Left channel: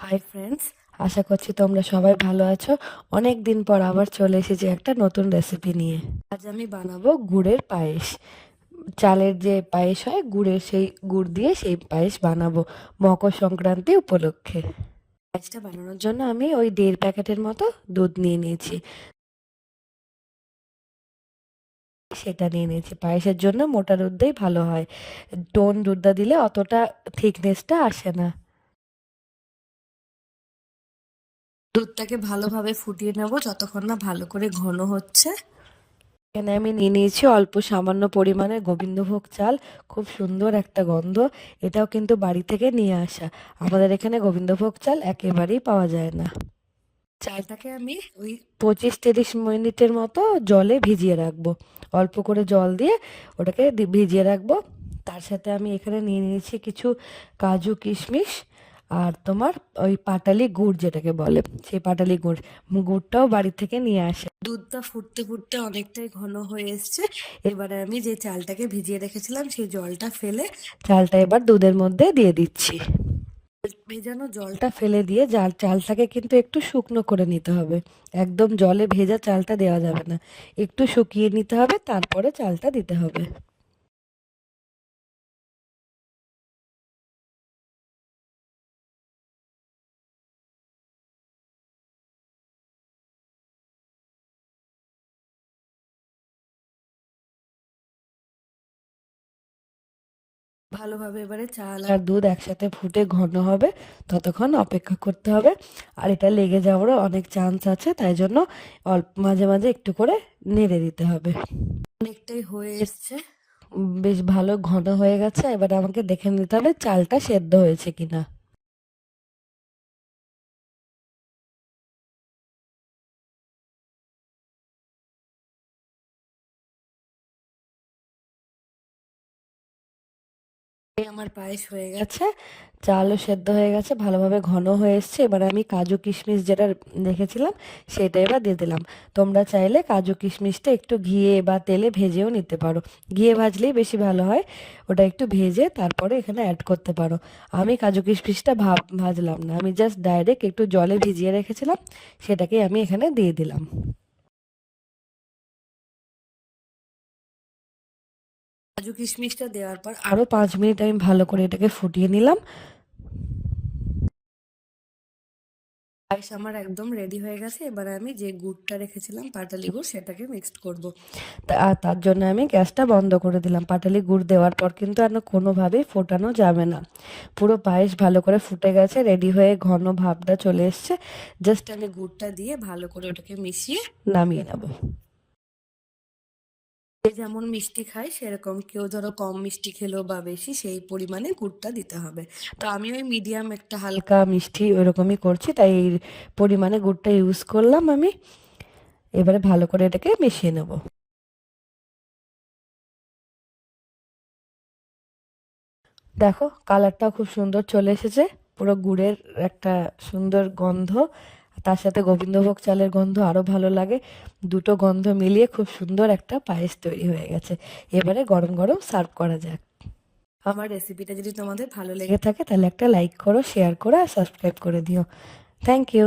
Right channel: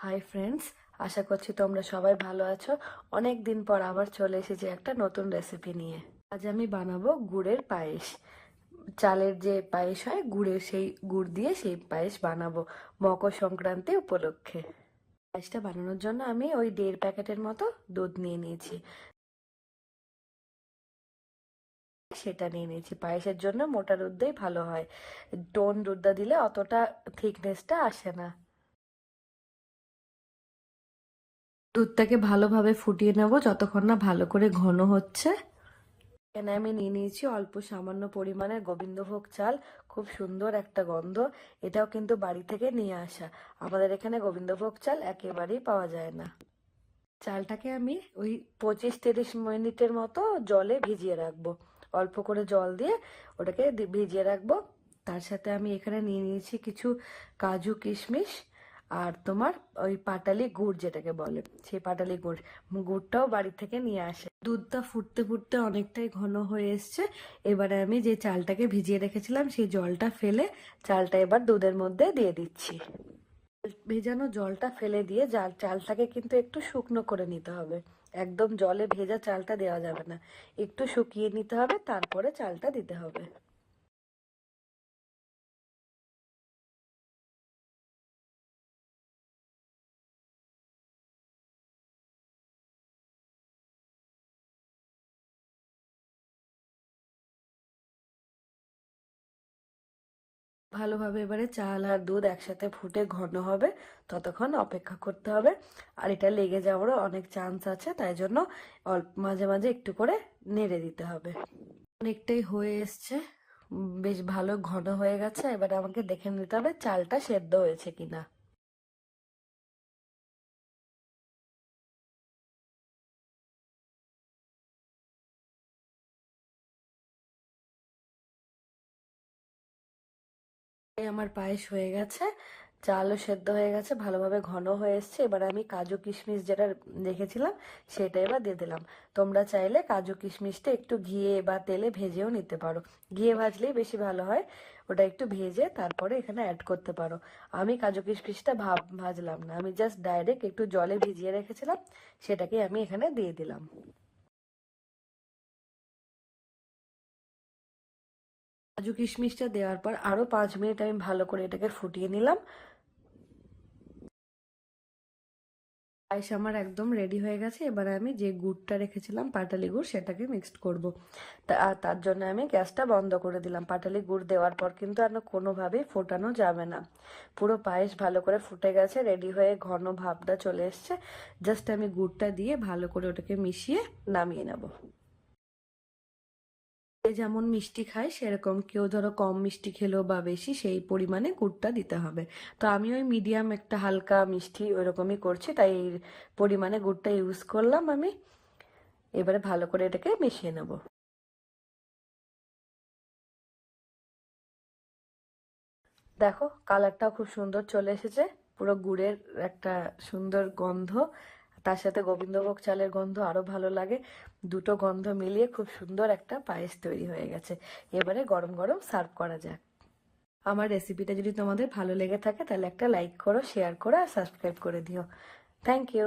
Hi friends, আশা করছি তোমরা সবাই ভালো আছো। অনেক দিন পর আবার চলে এসেছি একটা নতুন রেসিপি নিয়ে। আজ আমি বানাবো গুড়ের পায়েস। চালের যে পায়েস হয় গুড়ের, সেই গুড় দিয়ে সেই পায়েস বানাবো মকর সংক্রান্তি উপলক্ষে। পায়েসটা বানানোর জন্য আমি ওই 1.5 প্যাকেটের মতো দুধ নিয়ে নিয়েছি। সেটা নিয়ে নিয়েছি, পায়েসের জন্য মোটা দুধটাই ভালো হয়। টোন দুধটা দিলে অতটা থিকনেসটা আসে না। দুধটাকে ভালোভাবে ফুটিয়ে নেবো যতক্ষণ না ভালো করে ঘন হচ্ছে। এখানে আমি নিয়ে নিয়েছি অল্প সামান্য পরিমাণে গোবিন্দভোগ চাল। খুব সুন্দর একটা গন্ধ। এটাও কিন্তু বাড়ি থেকে নিয়ে আসা। আমাদের এখানে গোবিন্দভোগ চাল একেবারেই পাওয়া যায় না। চালটাকে আমি ওই 25-30 মিনিটের মতো জলে ভিজিয়ে রাখবো। অল্প করে জল দিয়ে ওটাকে ভিজিয়ে রাখবো। তার সাথে আমি এখানে নিয়ে নিয়েছি কিছু কাজু কিশমিশ, আর তোমার ওই পাটালি গুড় যেটাকে বলে, সেই পাটালি গুড়টাও বাড়ি থেকে নিয়ে আসে। দুধটা ফুটতে ফুটতে অনেকটাই ঘন হয়ে এসছে। এবারে আমি যে চালটাকে ভিজিয়ে রেখেছিলাম সেই জলটা ফেলে চালটা এবার দুধের মধ্যে দিয়ে দিচ্ছি। ভেজানো জলটা ফেলে দিয়ে চালটাকে কিন্তু একটু শুকনো করে নিতে হবে। একদম জলে ভেজা চালটা দেওয়া যাবে না, একটু শুকিয়ে নিতে হবে, তারপরে চালটা দিতে হবে। ভালোভাবে এবারে চাল আর দুধ একসাথে ফুটে ঘন হবে, ততক্ষণ অপেক্ষা করতে হবে। আর এটা লেগে যাওয়ারও অনেক চান্স আছে, তাই জন্য অল্প মাঝে মাঝে একটু করে নেড়ে দিতে হবে। অনেকটাই হয়ে এসছে, বেশ ভালো ঘন হয়ে গেছে। এবার আমাকে দেখে নিতে হবে চালটা সেদ্ধ হয়েছে কিনা। এই আমার পায়েস হয়ে গেছে, চালও সেদ্ধ হয়ে গেছে, ভালোভাবে ঘন হয়ে এসছে। এবার আমি কাজু কিশমিশ যেটা রেখেছিলাম সেটা এবার দিয়ে দিলাম। তোমরা চাইলে কাজু কিশমিশটা একটু ঘিয়ে বা তেলে ভেজেও নিতে পারো। ঘিয়ে ভাজলেই বেশি ভালো হয়। ওটা একটু ভেজে তারপরে এখানে অ্যাড করতে পারো। আমি কাজু কিশমিশটা ভাজলাম না, আমি জাস্ট ডাইরেক্ট একটু জলে ভিজিয়ে রেখেছিলাম, সেটাকে আমি এখানে দিয়ে দিলাম। কাজু কিশমিশটা দেওয়ার পর আরো 5 মিনিট আমি ভালো করে এটাকে ফুটিয়ে নিলাম। পায়েস আমার একদম রেডি হয়ে গেছে। এবার আমি যে গুড়টা রেখেছিলাম পাটালি গুড়, সেটাকে মিক্সড করব। আর তার জন্য আমি গ্যাসটা বন্ধ করে দিলাম। পাটালি গুড় দেওয়ার পর কিন্তু আর কোনোভাবেই ফোটানো যাবে না। পুরো পায়েস ভালো করে ফুটে গেছে, রেডি হয়ে ঘন ভাবটা চলে এসছে। জাস্ট আমি গুড়টা দিয়ে ভালো করে ওটাকে মিশিয়ে নামিয়ে নেব। যে যেমন মিষ্টি খায় সেরকম, কেউ ধরো কম মিষ্টি খেলো বা বেশি, সেই পরিমাণে গুড়টা দিতে হবে। তো আমি ওই মিডিয়াম একটা হালকা মিষ্টি ওরকমই করছি, তাই এই পরিমাণে গুড়টা ইউজ করলাম আমি। এবারে ভালো করে এটাকে মিশিয়ে নেব। দেখো কালারটাও খুব সুন্দর চলে এসেছে। পুরো গুড়ের একটা সুন্দর গন্ধ, তার সাথে গোবিন্দভোগ চালের গন্ধ আরো ভালো লাগে। দুটো গন্ধ মিলিয়ে খুব সুন্দর একটা পায়েস তৈরি হয়ে গেছে। এবারে গরম গরম সার্ভ করা যাক। আমার রেসিপিটা যদি তোমাদের ভালো লেগে থাকে তাহলে একটা লাইক করো, শেয়ার করো আর সাবস্ক্রাইব করে দিও। Thank you.